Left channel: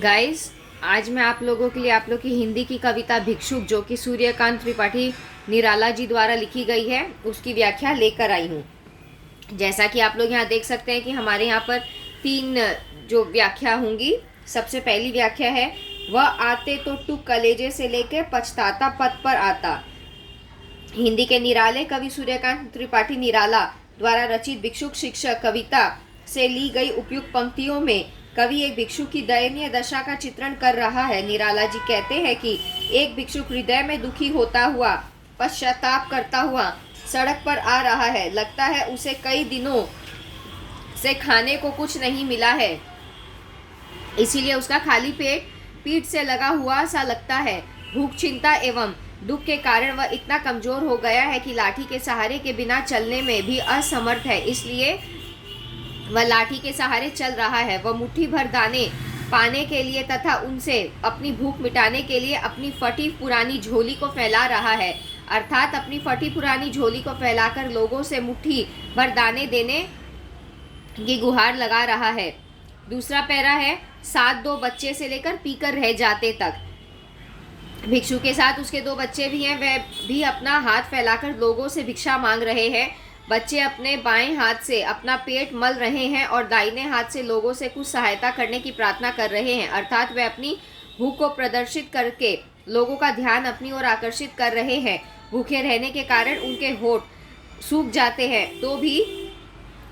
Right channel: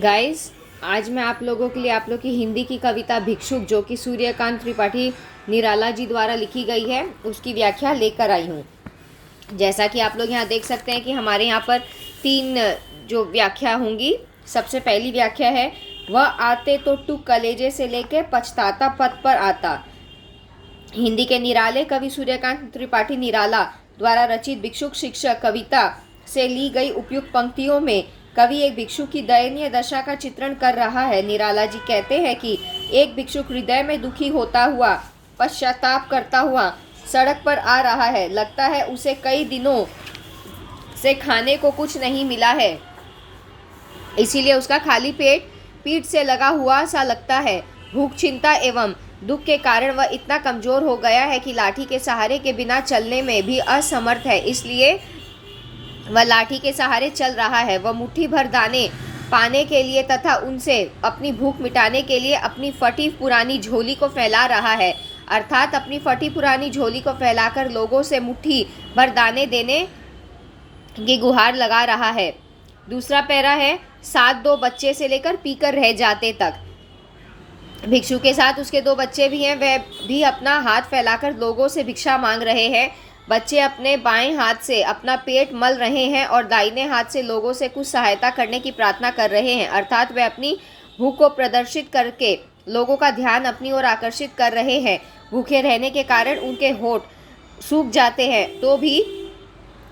Guys, आज मैं आप लोगों के लिए आप लोग की हिंदी की कविता भिक्षुक जो कि सूर्यकांत त्रिपाठी निराला जी द्वारा लिखी गई है उसकी व्याख्या लेकर आई हूँ। जैसा कि आप लोग यहाँ देख सकते हैं कि हमारे यहाँ पर 3 जो व्याख्या होंगी। सबसे पहली व्याख्या है, वह आते तो टुक कलेजे से लेके पछताता पद पर आता। हिंदी के निराले कवि सूर्यकांत त्रिपाठी निराला द्वारा रचित भिक्षुक शिक्षक कविता से ली गई उपयुक्त पंक्तियों में कवि एक भिक्षुक की दयनीय दशा का चित्रण कर रहा है। निराला जी कहते हैं कि एक भिक्षुक हृदय में दुखी होता हुआ, पश्चाताप करता हुआ सड़क पर आ रहा है। लगता है उसे कई दिनों से खाने को कुछ नहीं मिला है, इसीलिए उसका खाली पेट पीठ से लगा हुआ सा लगता है। भूख, चिंता एवं दुख के कारण वह इतना कमजोर हो गया है कि लाठी के सहारे के बिना चलने में भी असमर्थ है, इसलिए वह लाठी के सहारे चल रहा है। वह मुट्ठी भर दाने पाने के लिए तथा उनसे अपनी भूख मिटाने के लिए अपनी फटी पुरानी झोली को फैला रहा है, अर्थात अपनी फटी पुरानी झोली को फैलाकर लोगों से मुट्ठी भर दाने देने की गुहार लगा रहा है। दूसरा पैरा है, 7 बच्चे से लेकर पीकर रह जाते तक। भिक्षु के साथ उसके 2 बच्चे भी हैं, वह भी अपना हाथ फैलाकर लोगों से भिक्षा मांग रहे हैं। बच्चे अपने बाएं हाथ से अपना पेट मल रहे हैं और दाहिने हाथ से लोगों से कुछ सहायता करने की प्रार्थना कर रहे हैं, अर्थात वे अपनी भूख को प्रदर्शित करके लोगों का ध्यान अपनी ओर आकर्षित कर रहे हैं। भूखे रहने के कारण उनके होठ सूख जाते हैं, तो भी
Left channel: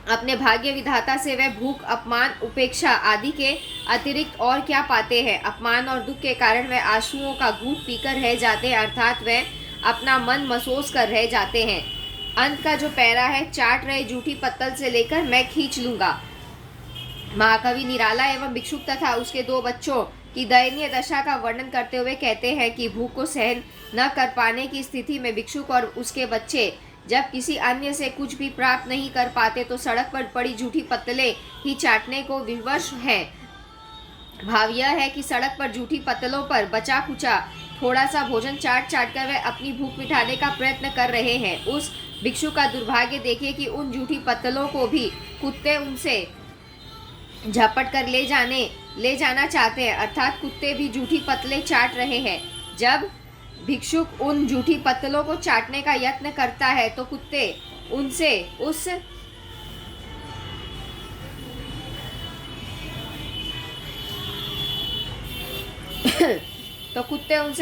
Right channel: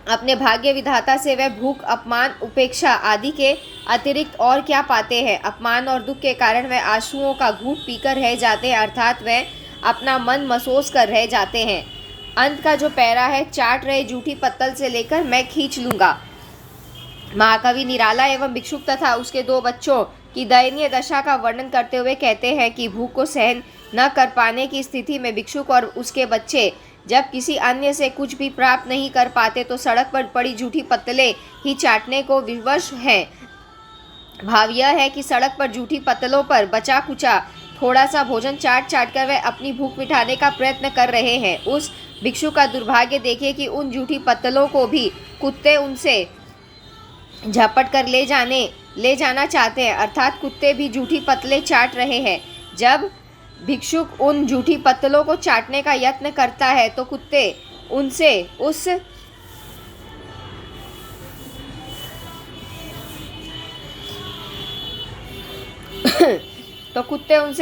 अपने भाग्य विधाता से वह भूख, अपमान, उपेक्षा आदि के अतिरिक्त और क्या पाते हैं। अपमान और दुख के कारण वह आंसुओं का घूंट पीकर रह जाते हैं, अर्थात वह अपना मन मसोस कर रह जाते हैं। अंत का जो पैरा है, चाट रहे जूठी पत्तल से लेकर मैं खींच लूंगा। महाकवि निराला एवं भिक्षुक तथा उसके 2 बच्चों की दयनीय दशा का वर्णन करते हुए कहते हैं कि भूख को सहन न कर पाने की स्थिति में भिक्षुक और उसके बच्चे जब किसी अन्य से कुछ भी प्राप्त नहीं कर पाते तो सड़क पर पड़ी जूठी पत्तलें ही चाटने को विवश हैं। भाव यह है कि सड़क पर जूठी पत्तलों पर बचा कुचा थोड़ा सा भोजन चाट कर वह अपनी भूख मिटाने का प्रयत्न कर रहे हैं। उस भिक्षु का दुर्भाग्य देखिए कि उन जूठी पत्तलों को भी कुत्ते उनसे झपट कर ले जाना चाहते हैं, अर्थात कुत्ते भी जूठी पत्तलें चाट रहे हैं। जब भिक्षुक उन जूठी पत्तलों को चाटने का यत्न करता है तो कुत्ते उनसे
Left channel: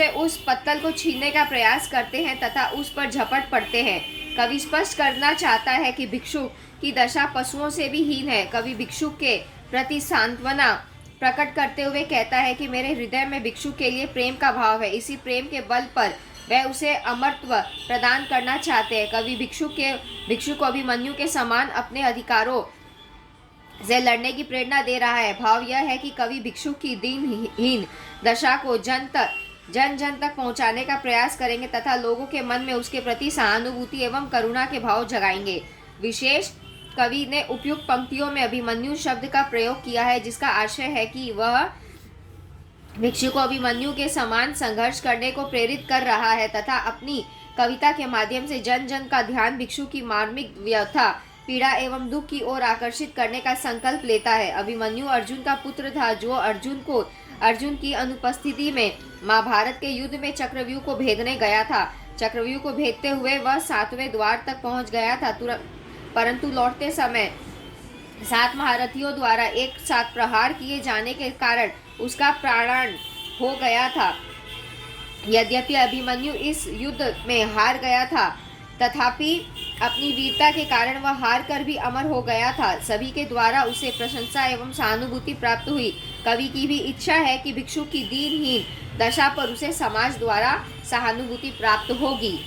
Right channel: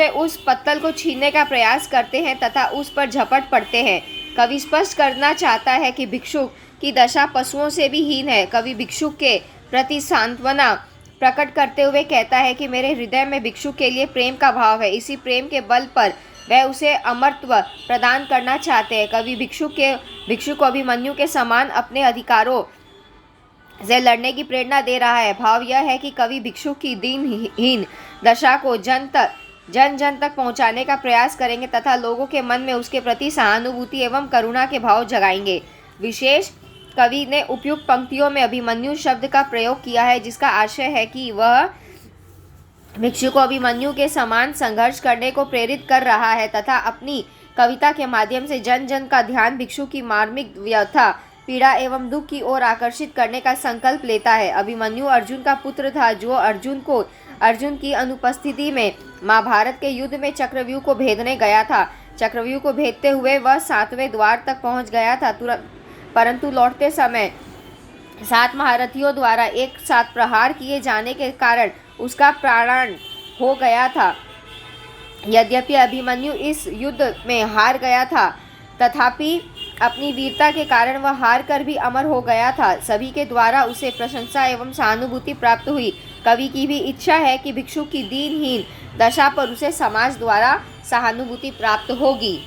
उस पत्तल को छीनने का प्रयास करते हैं तथा उस पर झपट पड़ते हैं। कवि स्पष्ट करना चाहता है कि भिक्षुक की दशा पशुओं से भी हीन है। कवि भिक्षुक के प्रति सांत्वना प्रकट करते हुए कहता है कि मेरे हृदय में भिक्षुक के लिए प्रेम का भाव है, इसी प्रेम के बल पर वह उसे अमरत्व प्रदान करना चाहते हैं। कवि भिक्षुक को अभिमन्यु के समान अपने अधिकारों से लड़ने की प्रेरणा दे रहा है। भाव यह है कि कवि भिक्षुक की दीनहीन दशा को जन जन तक पहुंचाने का प्रयास करेंगे तथा लोगों के मन में उसके प्रति सहानुभूति एवं करुणा के भाव जगाएंगे। विशेष कवि ने उपयुक्त पंक्तियों में अभिमन्यु शब्द का प्रयोग किया है, जिसका आशय है कि वह भिक्षु को अभिमन्यु के समान संघर्ष करने को प्रेरित कर रहा है तथा अपनी कविता के माध्यम से जन जन का ध्यान भिक्षु की मार्मिक व्यथा, पीड़ा एवं दुख की ओर आकर्षित करने का संकल्प लेता है। अभिमन्यु अर्जुन का पुत्र था, जो अर्जुन की अनुपस्थिति में महाभारत के युद्ध में चक्रव्यूह को भेदने गया था। चक्रव्यूह को भेदते हुए वह 7वें द्वार तक पहुंच गया था, परंतु लौटते समय 7 महारथियों द्वारा एक साथ प्रहार किए जाने के कारण उसका प्राण हो गया था। यद्यपि अभिमन्यु इस युद्ध में हार गया था, तथापि अपनी वीरता के कारण वह हार कर भी अमर हो गया था। सभी के द्वारा उसे प्रशंसा एवं सहानुभूति प्राप्त हुई। कवि की भी इच्छा है कि भिक्षु की दीनहीन दशा पर उसे समाज द्वारा सहानुभूति प्राप्त होगी।